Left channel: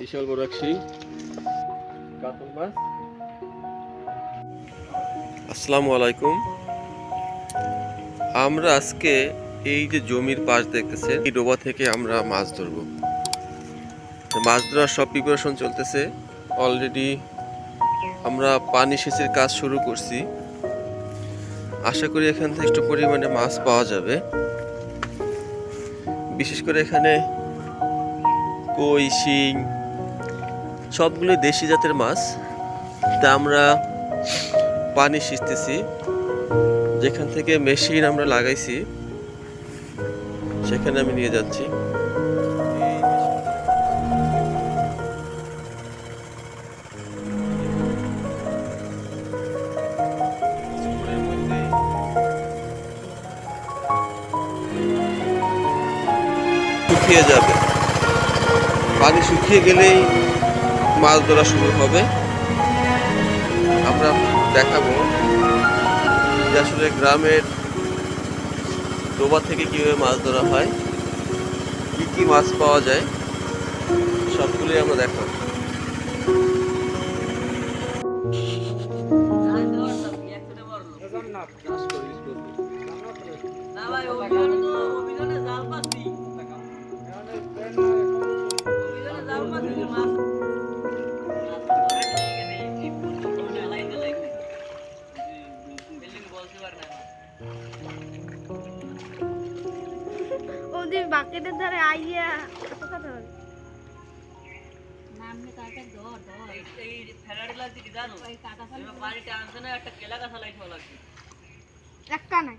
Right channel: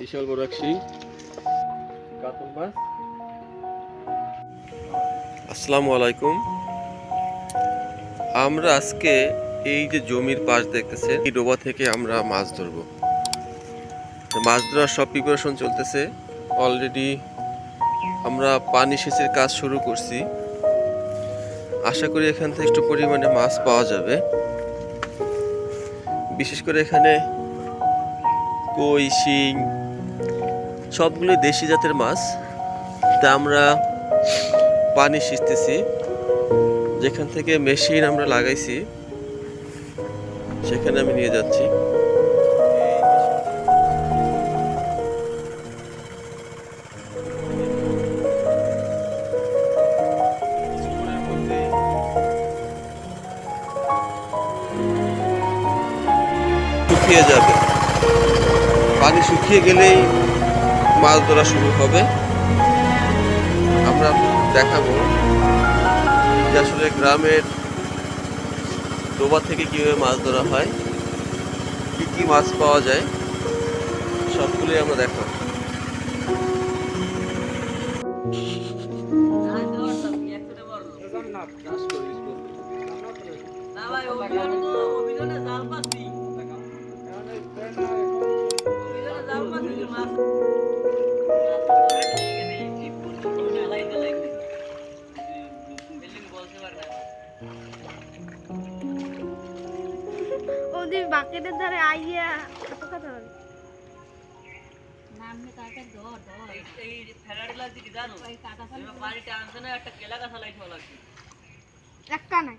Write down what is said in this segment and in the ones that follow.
বিশাল বড় কাতল মাছ। আসসালামু আলাইকুম। আমরা আজকে এই যে জমির পাশ দেখতেছে এই ডোবা থেকে আমরা মাছ ধরবো। মাছ ধরার সব প্রিপারেশন চলতেছে। অলরেডি আমরা পানি সেচের কাজ শুরু করছি। আশা করি এখান থেকে একটু পরিমাণে মাছ পাওয়া যাবে। বিশেষ করে এখানে কই, শিং সবগুলো দেশি জাতের মাছ। তা আমরা পানি সিঁচতেছি। যেখান থেকে মেশিন আমরা লাগাইছি, সেখানে আমি নিয়ে যাচ্ছি। শুকিয়ে যাবে। পানি শুকিয়ে গেলেই মাছ ধরা শুরু হবে। আমরা দেখাবো যে আসলে গ্রামের ডোবা থেকে কীভাবে মাছ ধরা হয়, কি কি মাছ পাওয়া যায়, সবগুলোই আমরা দেখাবো। না ভাই তো জাল ওদের বাকেটের ধারে আইয়া কত কথা বলে। এই এই ফেরারি লাগছে কি জানো? আনছে না একটা কেলা গাছা লাগছে একটা নাই।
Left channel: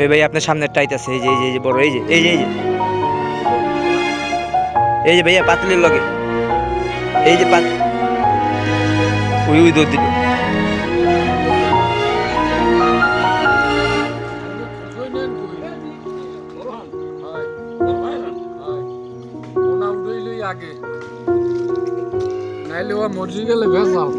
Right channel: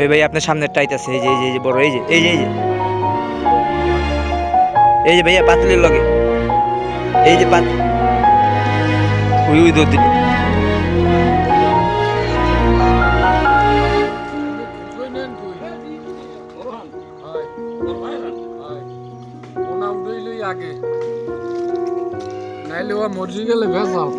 ওই ভাই আপনার সামনের টাইট আছে এই যে এই যে, বড়, এই যে এই যে এই যে। এই যে ভাইয়া, পাতলির লগে। এই যে পাত ওই ওই দৌড় দিল আগে। নাইলে ও মরজি গেলে ভেজাল।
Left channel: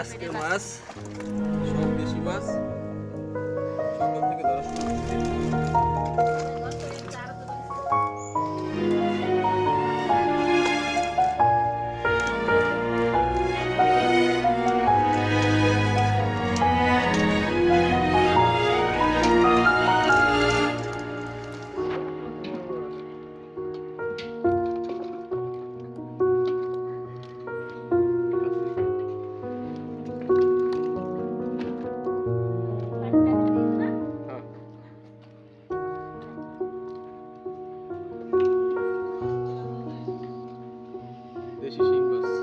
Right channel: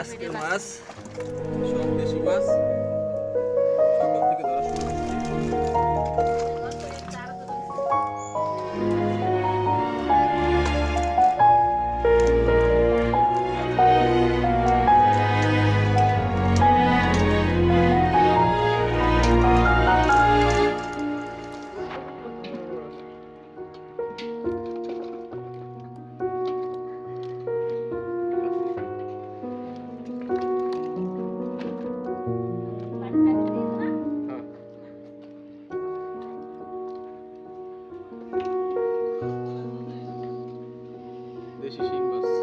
আজকের মাছ সব দেশি মাছ। সকাল থেকে ধরা শুরু দেশি শিং মাছ